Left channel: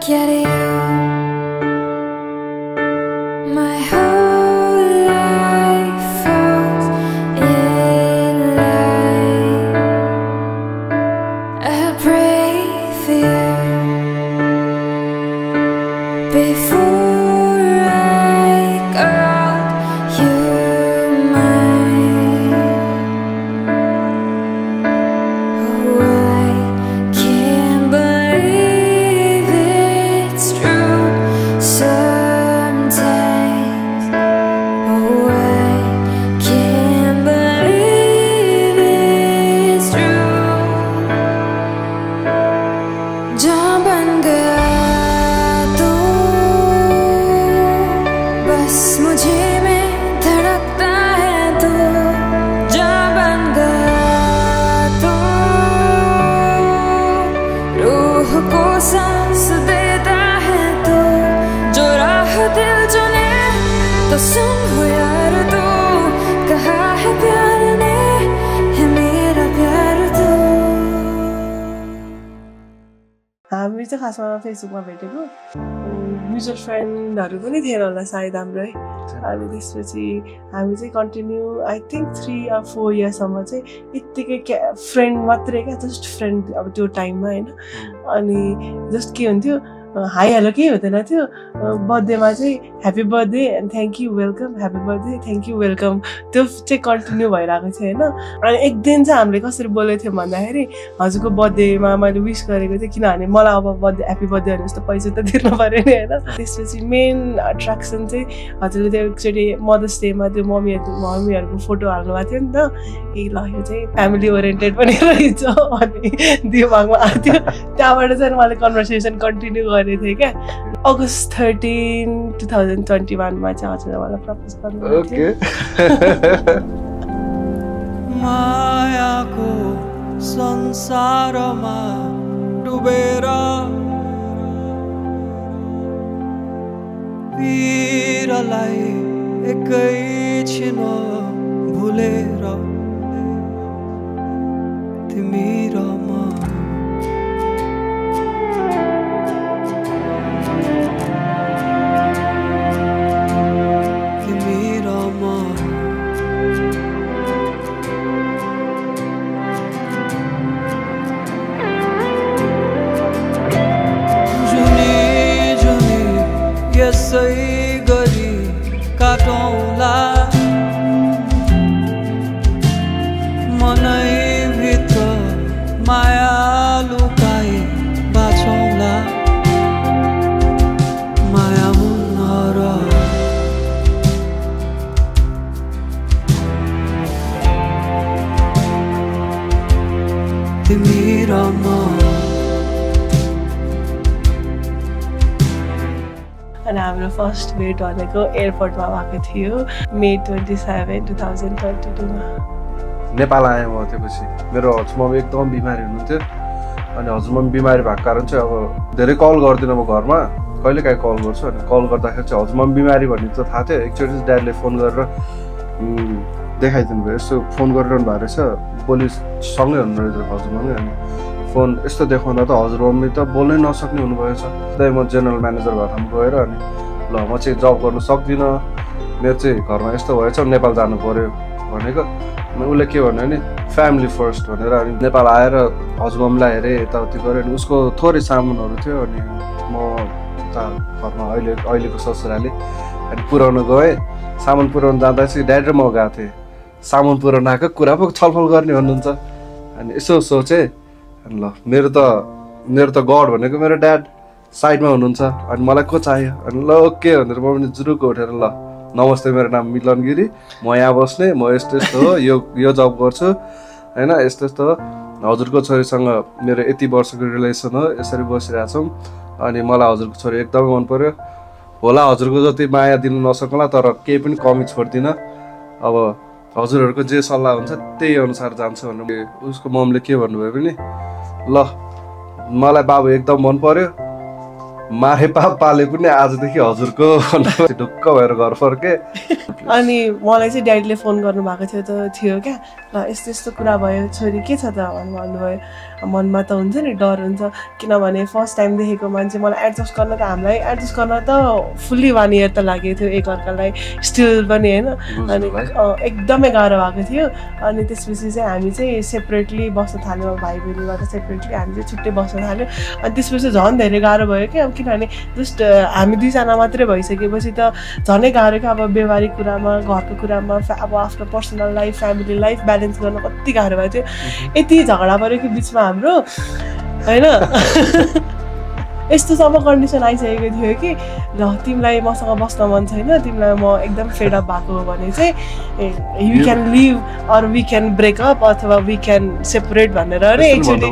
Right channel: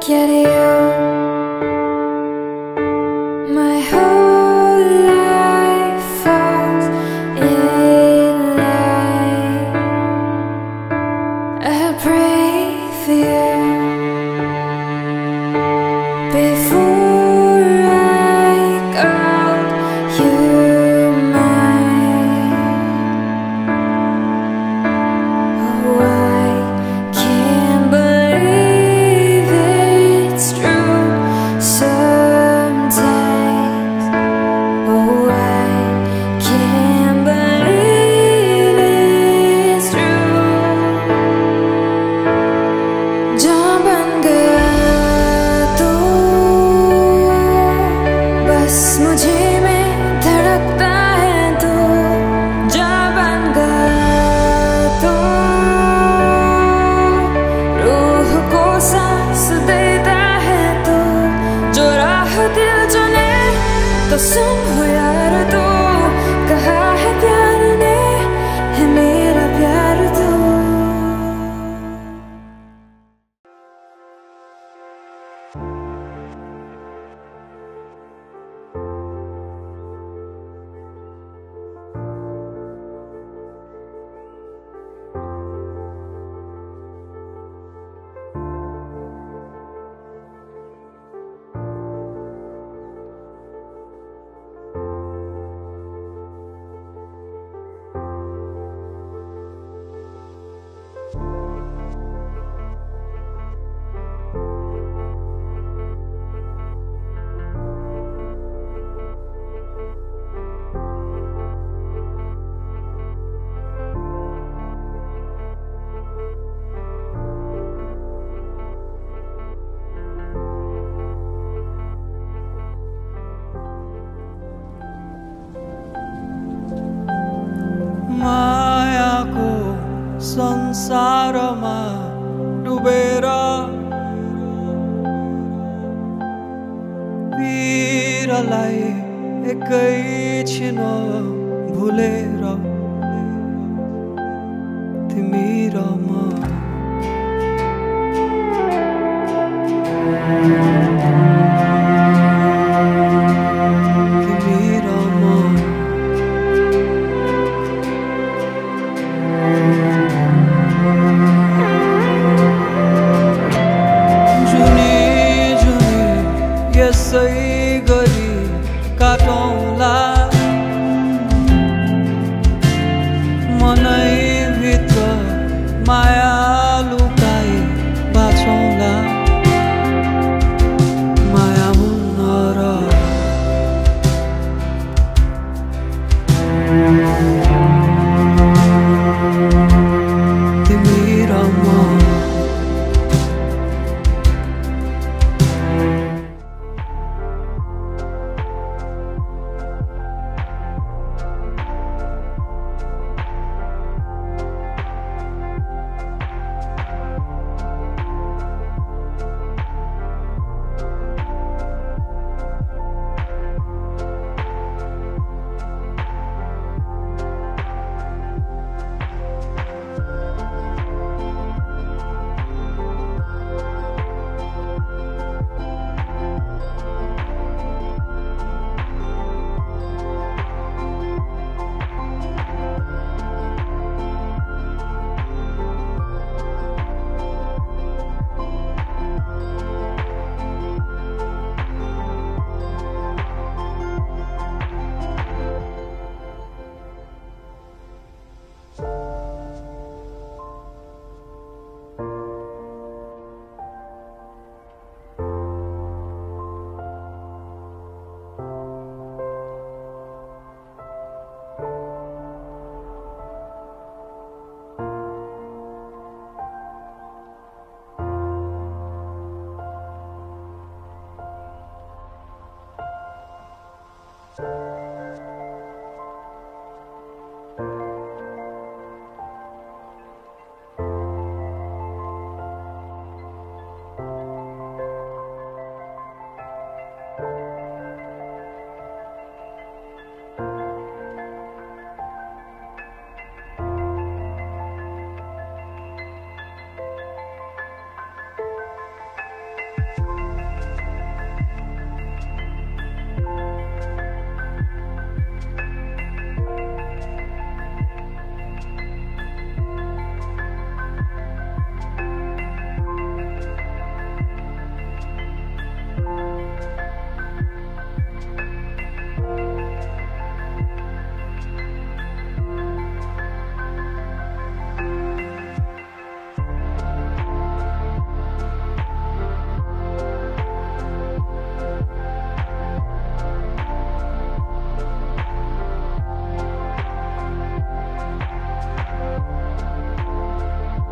get you. My whole life falls in line. I'll pray for you before I call you mine. Oh, I can't believe it's true sometimes. Oh, I can't believe it's true. जहाँ बन गया तू, बस मुझे में धड़कता है तू। जहाँ बन गया तू, रूह को सांस देता है तू। जो राह दिल चुने तो सुन हो यार तू, कहा है प्यार ने है मेरा प्यार तू। हामी चाहिँ खासमा फेसबुकमा भेटेको, म्युचुअल फ्रेन्डहरू पनि थिएन होला सायद हाम्रो है। अनि त्यसपछि हामी चाहिँ कन्टिन्यू आई थिङ्क 3 or 4 इयर्ससम्म चाहिँ यत्तिकै फ्रेन्ड मात्रै क्या, जस्ट फ्रेन्ड अब त्यो टाइममा होइन। अनि जस्ट के हुन्थ्यो, हाई हेलो केही हुँदैन थियो। बर्थडेमा चाहिँ happy birthday and thank you welcome, happy birthday thank you welcome, त्यो चाहिँ कन्टिन्यू भइरहेको थियो होइन। अनि एक दिन चाहिँ हामीले कसरी बोलेको थियौँ भन्दाखेरि, हजुरको बर्थडेमा मैले विस गरेको थिएँ, किनभने मलाई अब बर्थडे ह्याप्पी बर्थडे भने जस्तो पैसा त तिर्नु पऱ्यो नि होइन। त्यसपछि मेन एट्र्याक्सन चाहिँ हजुरले त्यो एकचोटि मदर्स डेमा त्यो मम्मीहरूको फोटो हाल्नुभएको थियो नि त। ए ल यो चाहिँ फ्यामिली ओरिएन्टेड पनि रहेछ अनि दिमागमा आएको थियो। त्यहाँबाट चाहिँ मैले कन्भर्सेसन कन्टिन्यू गरेको थिएँ क्या। अगस्त 13, 2021मा चाहिँ हजुरले मलाई प्रपोज गर्नुभएको थियो। मायाको संसारमा डुबेर वीरलाई एकैछिन भुलेर तिमी र म यसै गरी काटौँला मनैभित्र माया लुकाई बाँचौँला माया हुन्न र तिमी र म। हाम्रो फर्स्ट भेट भनेको एयरपोर्टमा भएको थियो May 27, 2022मा। नेपाल आएँ म त्यसपछि। मेरो हजुरमम्मी एकदम बिमारी हुनुहुन्थ्यो। अनि हजुरमम्मी बिमारी भएको कारण चाहिँ अब धेरै कल गर्दिनँ म घरमा, कहिलेकाहीँ कल गर्छु। अनि कल गर्दाखेरि चाहिँ हजुरमम्मी बिमारी भन्ने त थाहा थियो। एकचोटि ड्याडीले फोन गरेर देखाइदिनु भयो, यस्तो फोन गरिरहनु भएको रहेछ, पोलिससँगै हुनुहुँदो रहेछ हजुरमम्मी। अनि फोन यस्तो देखाउँदा त हजुरमम्मी त बोल्नै नसक्ने हुनुभएछ। त्यही म जेनरल म्यानेजर भएर गएर अनि ल म चाहिँ जब गर्नु सक्दिनँ, मेरो चाहिँ घरमा यस्तो भएछ, नेपाल जानु पऱ्यो भनेको। उसले के भन्यो भने फ्यामिली फर्स्ट भनेर अनि नेपाल आएर हजुरमम्मीलाई हेरेँ, यताउति गरेँ। अनि उसको थोरै सामानहरू थियो अनि म घरमा अहिलेको ससुराले अनि पुऱ्याउनु गएँ। सामान पुऱ्याउनु जाँदा चाहिँ ड्याडी र म गएको थिएँ। सामान पुऱ्याउनु आएको कुरा पो छलफल गर्ने भन्नुहुन्छ। अनि यसो सोचेँ, ल मेरो त गड भनेको मेरो ड्याड साइडमा हुनुहुन्छ, अनि मलाई को चाहियो। अनि ल ओके भनेर म पनि जुरुको उठेर ल नमस्ते मेरो नाम मिलन गिरी, म यहाँ बस्ने, म यस्तो यस्तो हो, यो जब गर्छु होइन, यस्तो यस्तो हो, हजुरको छोरीसँग मेरो यति वर्षको रिलेसन हो, यसरी बसिरहेछौँ। अनि मलाई हजुरको छोरी एकदमै मन पर्यो होला, हजुरको जति माया दिनु नसक्ला तर केही पनि कमी छोड्दिनँ, अब हजुरहरूको जे सल्लाह हुन्छ त्यही अनुसार जान्छु भनेर। उसको ममले के भन्नुभयो भने ल मलाई बाबु एकदम मन पर्यो, मारे पाले पनि आजदेखि हजुरको ढुक्क भएर घर फर्के। अनि मलाई चाहिँ ड्याडीले फोन गर्नु भएको थियो क्या, ल यस्तो यस्तो कुरा भयो, छोरी के छ त भन्नुभयो। मनमा त हुन्छ नि डर हुन्छ किनभने फर्स्ट टाइम देखेको मान्छे मलाई एडजस्ट गर्न त हामीलाई एडजस्ट गर्न त फुल्ली 1 इयर त लागेको थियो एकअर्कालाई स्टिल पनि होइन अनि एकदमै गाह्रो भएको थियो अनि त्यसपछि चाहिँ हामी चाहिँ सेपरेटली बस्न थाल्यौँ भाइ बहिनीबाट सेपरेटली हामी चाहिँ छुट्टै बस्न थाल्यौँ अनि त्यसपछि झन् धेरै गाह्रो भयो क्या अब किनभने जस्ट हामी दुईजना मात्रै भइसकेपछि त झनै गाह्रो क्या अब व्यवहारिक कुरामा घरको कुरामा अब आफ्नो personal life family life balance गर्न कति गाह्रो भएको थियो यति झगडा पऱ्यो कि बिचमा हाम्रो होइन यस्तोसम्म कन्डिसन आइसकेको थियो कि ल तिमीलाई मसँग बस्न मन छैन तिमीलाई म एकदम फेड अप भएको हो भने चाहिँ you can live or we can break up अथवा वी क्यान सेपरेट भनेर अरे एकचोटि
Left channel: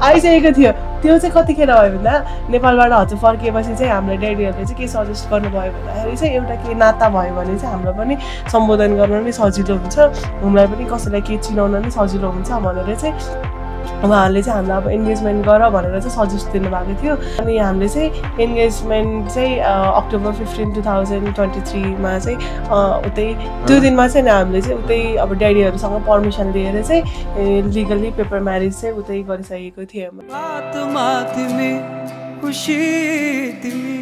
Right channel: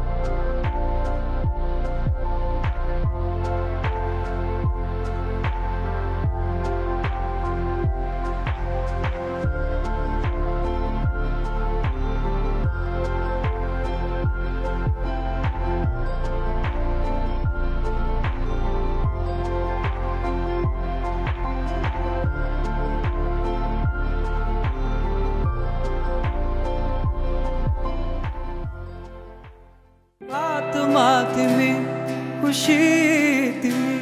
आइसकेको थियो त्यो चाहिँ कतिखेर भयो भन्दा नेपालबाट हजुर फर्किएपछि चाहिँ हामीलाई ड्याडीहरूले चाहिँ के सजेस्ट गर्नुभयो भन्दाखेरि चाहिँ एउटा के नाता भयो भने चाहिँ हामीलाई पनि सम्बोधन गर्न नि सजिलो हुन्छ हामीलाई पनि कसैलाई केही चिनाउन नि सजिलो हुन्छ भनेर चाहिँ उहाँहरूले चाहिँ हामीलाई अब इन्गेजमेन्ट गर भनेर चाहिँ सजेस्ट दिनुभएको थियो अनि हामीले चाहिँ इन्गेजमेन्ट चाहिँ अक्टोबर 15, 2023मा चाहिँ उतै त्यो दिनमा चाहिँ हामीले चाहिँ उतै अब ड्याडीहरूसँग पर्मिसन लिएर चाहिँ लिगली पेपर म्यारेज चाहिँ उतै गरिसकेको थियौँ आत्मा तिमी खुसी तिमी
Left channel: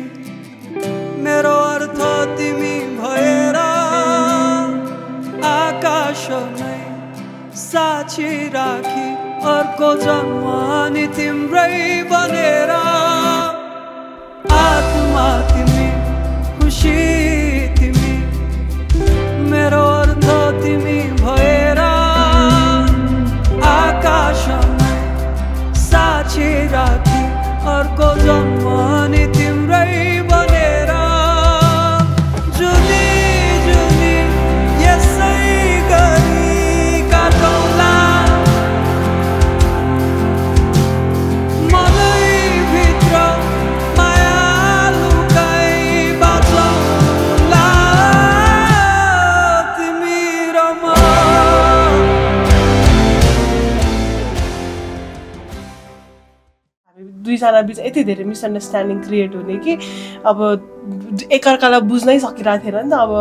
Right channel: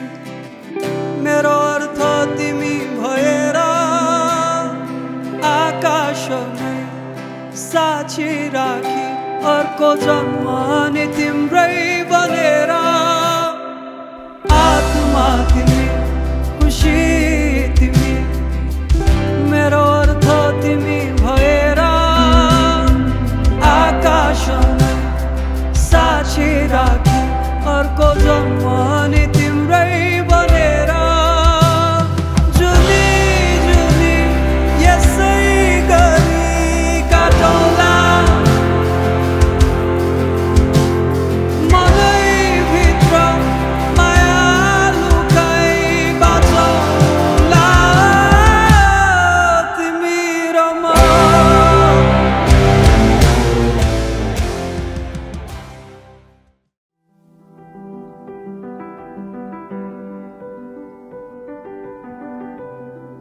मेरो अर्थ तिमी भएर आकाश नै साक्षी राखी अर्को जन्म नि तिम्रै बनेर आत्मा तिमी खुसी तिमी मेरो अर्थ तिमी भएर आकाश नै साक्षी राखी अर्को जन्म नि तिम्रै बनेर जुनी जुनी यसै गरी काटौँला मनैभित्र माया लुकाई बाँचौँला तिमी र म दुईजना बिच यति धेरै मिसअन्डरस्ट्यान्डिङ क्रिएट हुने कि अब एकअर्कालाई बुझ्नै सकिरहेको थिएन नि त अब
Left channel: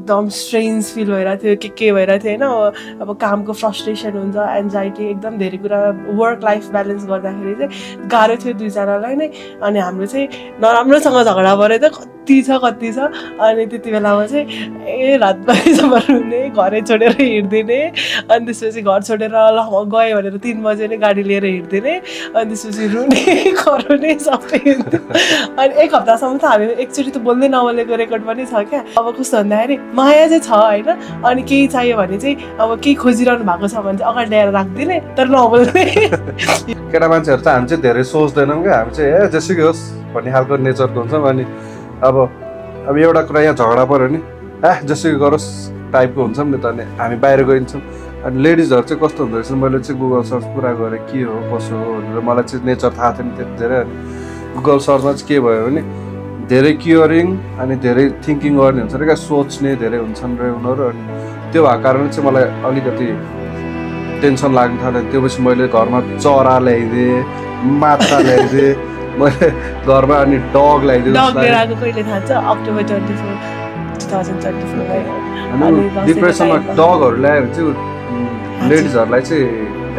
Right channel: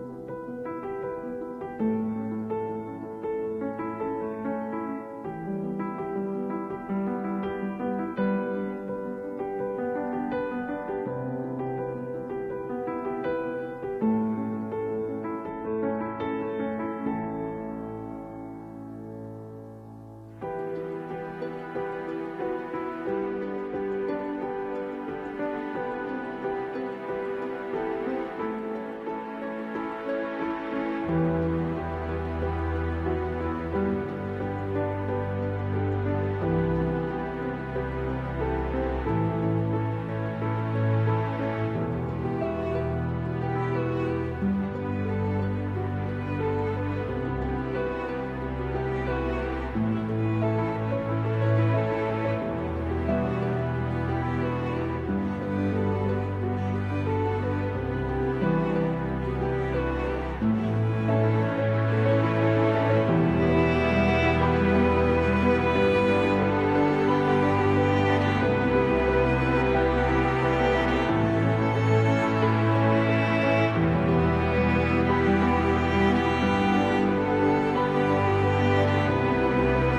एकदम स्ट्रेन्ज फिल भइरहेको थियो के भइरहेको थियो होइन अब कामको फ्रस्ट्रेसन हुन्छ एन्जाइटी एकदम धेरै कुरा वर्क लाइफ ब्यालेन्स गर्दाखेरि चाहिँ गाह्रो थियो दुईजनालाई नै अनि हाम्रो चाहिँ नराम्रोसँग झगडा पऱ्यो त कति छ अनि त्यति बेलामा चाहिँ रातभरिसम्म रुने घरै छोडेर हिँड्दिने अनि त्यसपछि घर छोडेर ल म गएँ भनेर 3 बजे नै गाडी लिएर हिँड्दिने अनि त्यसपछि रुने कराउने सबै अनि 1 हप्तासम्म त हामी एकचोटि त बोल्दै नबोलेको रेकर्ड पनि छ क्या अब कस्तो भन्दाखेरि माया चाहिँ छ होइन अनि केही चाहियो भने चाहिँ अब केही खोजिरहनु भएको छ भने चाहिँ अगाडि ल्याएर राखिदिने तर नबोल्ने केटा मान्छेहरू चाहिँ हामी चाहिँ धेरै सोच्दैनौँ क्या हामी चाहिँ जेसुकै होस् भन्ने खालको नेचरको हुन्छौँ अनि अब एउटा कुरा यहाँ झगडा पऱ्यो नि जेसुकै गरोस् टाइपको हुन्छौँ नि त अनि हामी बाहिर गइन्छौँ अनि लेडिजहरू चाहिँ कस्तो हुँदो रहेछ मैले चाहिँ गुगल सर्च पुरा गरेँ के हो कसो हो भनेर मलाई चाहिँ नेचर थाहा थिएन त्यति धेरै अनि गुगल सर्चमा चाहिँ के भयो भने धेरै क्युरिङ अनि धेरै थिङ्किङ गर्ने हुन्छ क्या सोच्ने धेरै हुन्छन् र उनीहरू अनि त्यो भएको कारणले चाहिँ मलाई अलिकति टेन्सन लाग्न थाल्यो त्यो पछि मैले घरमा चरा ल्याइदिएँ माछा ल्याइदिएँ मैले घरमा अनि डग ल्याइदिएँ अक्टोबर 24, 2024 डिप्रेसनमा डगहरू ल्यायो भने चाहिँ लेडिजहरूलाई चाहिँ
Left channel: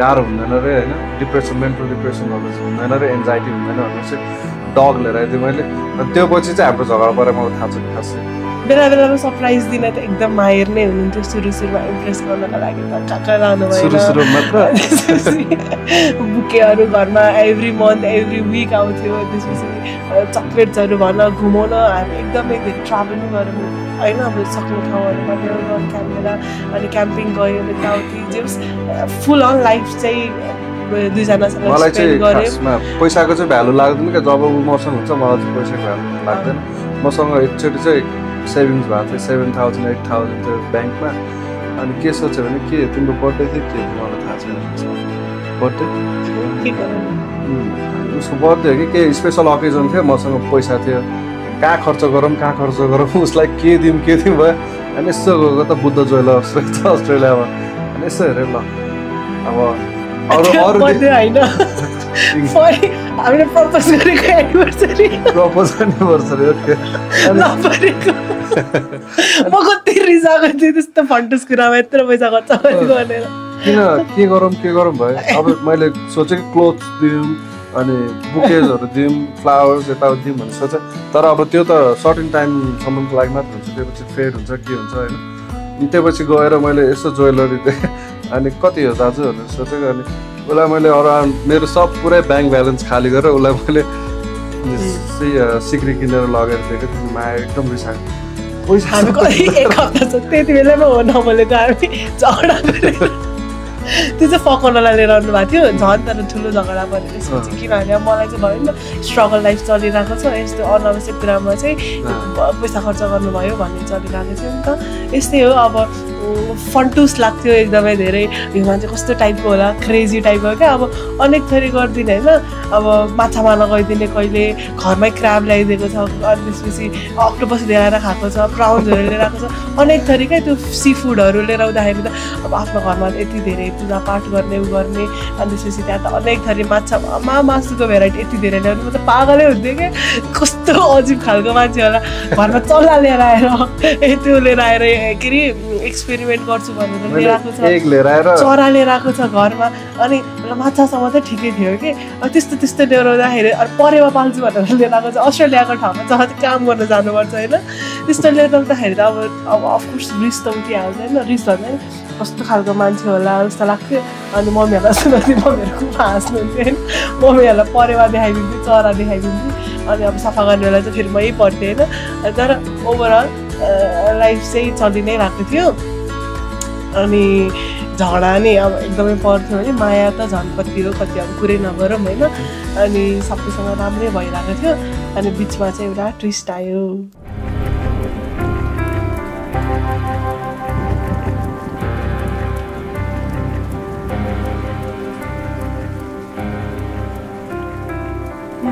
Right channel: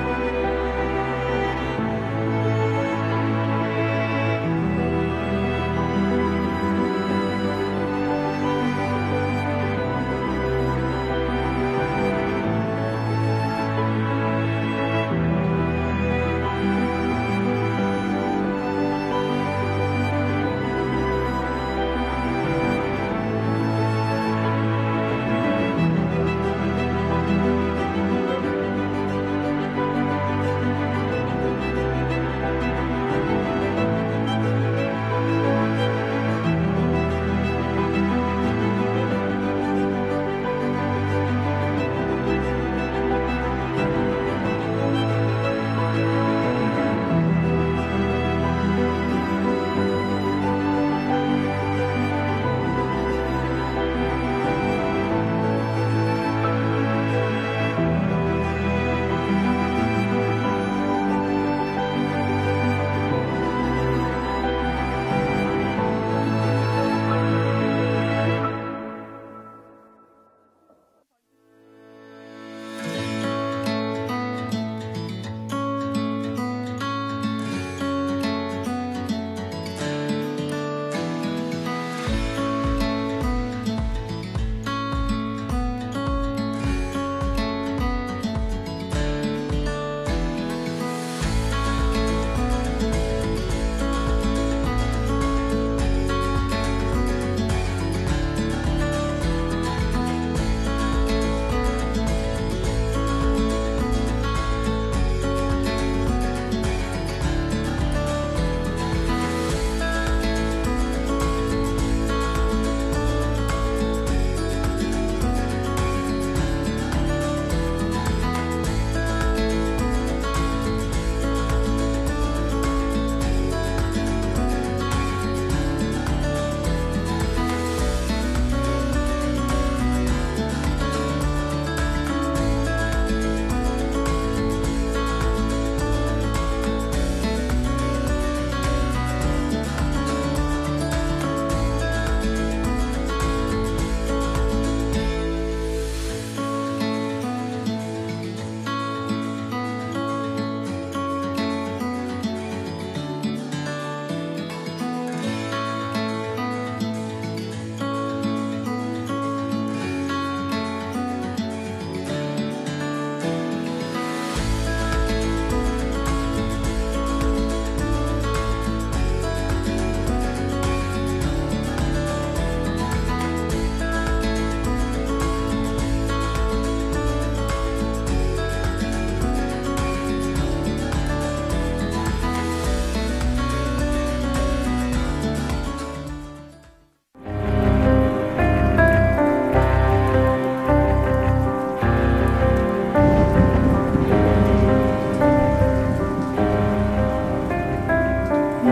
गाह्रो हुँदैन अरे होइन डिप्रेसन मेन्टल डिप्रेसनहरू हुँदैन अरे एन्जाइटी हुँदैन भनेर चाहिँ डग लिएर आइदिएँ मैले अनि त्यो पछि चाहिँ हाम्रो झगडा परेर मलाई थाहा छैन खास बेला बेलामा सरप्राइज दिन त एकदम माहिर नै हुनुहुन्थ्यो सुरुमा इम्प्रेस गर्नको लागि काका लानु बुकेहरू घरमा एभ्री मन्थ एभ्री विक आउँथ्यो त्यसपछि चक्लेट्सहरू भन घुमाउन हामी एकदमै धेरै ट्राभल गर्नु होइन हाम्रो सक्ने ठाउँहरूमा क्याम्पेला अनि क्याम्पिङ गयो यताउति फुल अन लाइफ चाहिँ दुईजनासँग मलाई चाहिँ खासमा पैसाको चाहिँ भ्यालु लाग्दैन क्या जब मसँग हुन्छ मलाई चाहिँ पैसाको भ्यालु लाग्दैन मसँग एकचोटि चाहिँ सेभिङ्स भएको थियो 7,000 8,000 थियो ब्याङ्कमा अनि के सोच्यो भने के तिम्रो बर्थडे थियो के मलाई थाहा छैन बर्थडे उसको बर्थडे हो कि केही स्पेसल अकेजन थियो मसँग पैसा थियो कहाँ खर्च गरौँ उसलाई के दिउँ भयो अनि यसो गएको त बुद्ध ज्वेलर्स रहेछ अस्ट्रेलियामा अनि यसो हेरेँ ल अब अरू होइन हामीले प्रपोज गरेको एनिभर्सरी म कति रिसाएको थिएँ त्यस्तो फन्टस कुरामा यत्रो पैसा खर्च गरेर किन के गरौँ भयो अब मैले सोचेँ क्लोथ दिउँ अनि बुकेजहरू दिउँ फ्लावर्स यताउति दिउँ भन्ने सोचेँ तर अब त्यो त सर्टेन टाइमसम्मको लागि मात्र हुन्छ त्योपछि फेड हुन्छ के हुन्छ होइन त्यसपछि गएर मैले यसो ज्वेलरी दिएँ अनि कति हो दाजुहरू सोचेको अनि उसलाई मैले अराउन्ड मेरो सब पुरै ब्याङ्क ब्यालेन्स खाली गरेर उसलाई मैले सिक्री किनेर लगेर दिएको माया एकदम रिसाएको हामी एक हप्ता छ त्यति बेलामा हो नबोलेको हामी झगडा गरेर त्यो चाहिँ फकाउनलाई लिएर आउनु भएको थियो झन् तर ठुलो झगडा भयो त्यसपछि किनभने मलाई चाहिँ भयो नि त स्ट्रगल लाइफ चलिरहेको छ यस्तो अनावश्यक कुरामा चाहिँ पैसा खर्च गर्नुभयो भन्ने चलिरहेको थियो नि त यस्तै हो अब फन्टुस लाग्थ्यो एकदमै धेरै यो मान्छे कस्तो टाइपको होला क्रेजी टाइपको क्या अब अनेक थरी गरिदिने होइन अब माछा मार्न गइदिने कहिले घरमै क्राब ल्याइदिएको छ अनि त्यसपछि अक्टोपस ल्याएर खाएको छ प्राउन्सहरू लिएर आएको छ अनेक थरीकै त्यो सी फुडहरू लिएर आउँदाखेरि त अब आफ्नो घरमा यति धेरै पूजापाठ गर्ने उ गर्ने अनि त्यसपछि त्यहाँ त अनेक थरी मासुको भेराइटी यति धेरै ल्याउनु म त पागलै हुन्थ्यो क्या कस्तो अजिब खालको मान्छे होला घरमा चल्ला लिएर आएर त्यो लिएर आएर के अरे एक्सपेरिमेन्ट गर्छु भनेर लिएर आएको छ चरा लिएर आएको छ घरमा अनि माछासँग चाहिँ ठिकै थियो कि त्यस्तो लिएर आउँदाखेरि परेवा पाल्छु भनेर लिएर आएको छ अस्ट्रेलियाको ठाउँमा जहाँ काम गर्न जानुपर्छ होइन त्यस्तो लिएर आउँदाखेरि त अब अफकोर्स रिस त उठिहाल्छ होइन रिस भन्ने कस्तो खालको मान्छे होला जस्तो लाग्थ्यो अनि मम्मीहरूलाई सुनाउँथ्यो मम्मीहरूको हाँस्नुहुन्थ्यो होइन मम्मीहरूलाई परेवा देखाइदिन्थ्यो चरा देखाइदिन्थ्यो अनि अब सफा गर्ने बेला चाहिँ फेरि मै पढ्थेँ होइन तर ओभरअल लाइफ चाहिँ चलि नै रहेको थियो अनि झगडा नि अब एकदमै पर्थ्यो है माया त झन् कति हो कति अब पुरै नगरौँ होइन अनि सबैसँग राम्रै भइरहेको थियो अनि बिचमा चाहिँ एउटा ट्विस्ट आयो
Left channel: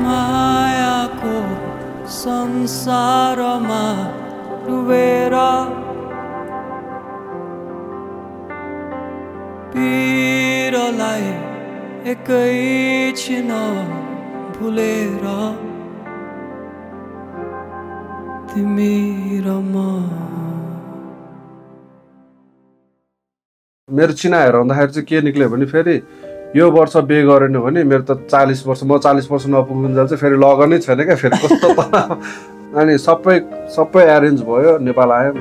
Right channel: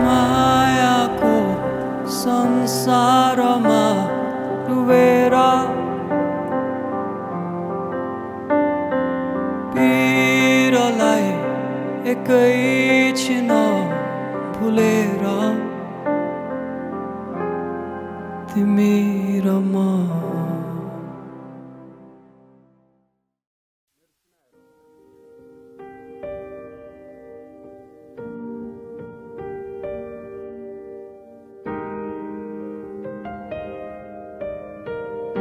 मायाको संसारमा डुबेर पिरलाई एकैछिन भुलेर तिमी र म मेरो चिनाहरू आउँदाखेरि चाहिँ के निक्ल्यो भने फेरि यो वर्ष बिहे गरेन भने मेरो त 40 वर्ष म 40 वर्ष नपुग्नुन्जेल चाहिँ फेरि लगनै छैन क्या फेरि कस्तो अनि सबै एरेन्ज भयो नेपाल आयो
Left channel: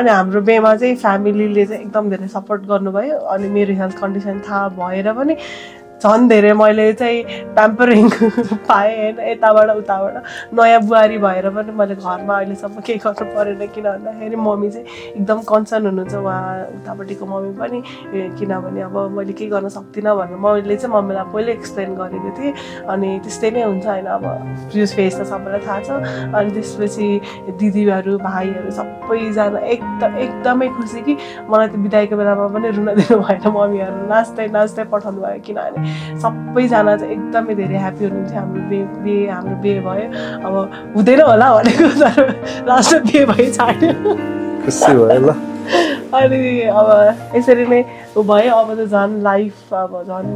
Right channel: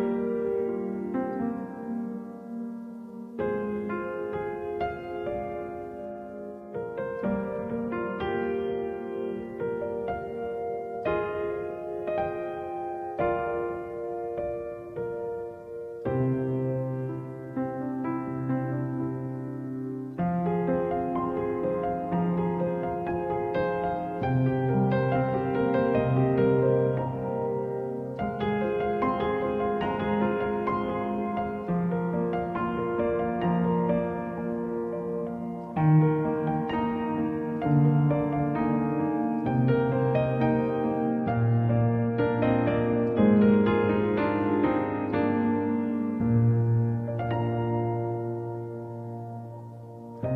अनि हाम्रो बिहेमा चाहिँ फ्यामिलीले चाहिँ एकदम धेरै सपोर्ट गर्नुभयो अनि मेरो हेल्थ कन्डिसन थाहा भएर पनि झन् धेरै मैले चाहिँ प्याम्परिङ पाएँ होइन यताबाट उताबाट नयाँ बुहारी भएर पनि मैले घरमा अहिलेसम्म केही गर्नु परेन किन भन्दाखेरि मम्मी चाहिँ एकदम कन्सर्न हुनुहुन्छ उहाँ उतापट्टिको मम्मी पनि किनभने अब मैले केही गर्न सक्दिनँ भनेर मैले चाहिँ मम्मीलाई पहिले एक्सप्लेन गरेको थिएँ अनि त्यस्तै नै हुन्छ होइन अब प्रियस फेस त सबैलाई थाहा छ अनि त्यसपछि दिदीहरू भाइहरू सबैजना एकदमै खुसी कि मलाई त बिदाईको बेलामा पनि रुन दिनु भएन मम्मीहरू नाच्दै पठाउनु भयो किनभने सबैजना चाहिँ एकदमै धेरै ह्याप्पी हुनुहुन्थ्यो हाम्रो बिहे भयो अब हुँदैन होला भनेको तर लास्टमा बिहे भइ छाड्यो खुसी भयो ल अनि अब यसरी नै भयो अब त झन् लाइफ अब झन्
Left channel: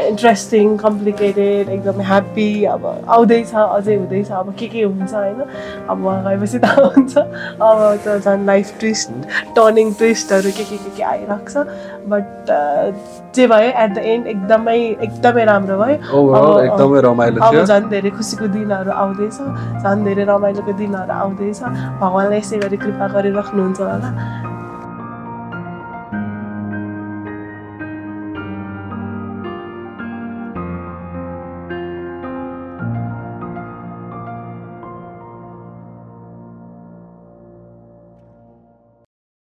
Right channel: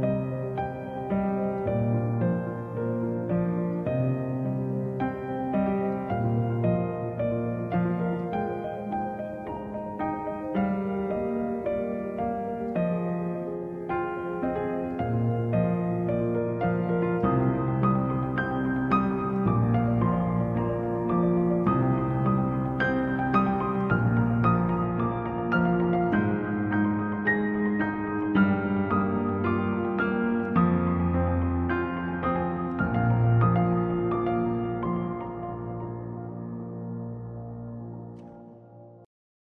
इन्ट्रेस्टिङ कम्प्लिकेटेड एकदम ह्याप्पी अब आउँदैछ अझै हुँदैछ अब के हुन्छ होइन अब गएपछि त हुन्छ अब त झन् लाइफ टर्निङ ट्विस्टहरू के आइरहेको छ बट जे भयो एट द एन्ड एकदमै राम्रो भयो एकदमै रमाइलो थियो अब झन् धेरै खुसीको दिनहरू आउँदैछ झन् धेरै रमाइलोको दिनहरू आउँदैछ भगवानले यसै गरी कृपा गरिराख्नुहुन्छ होला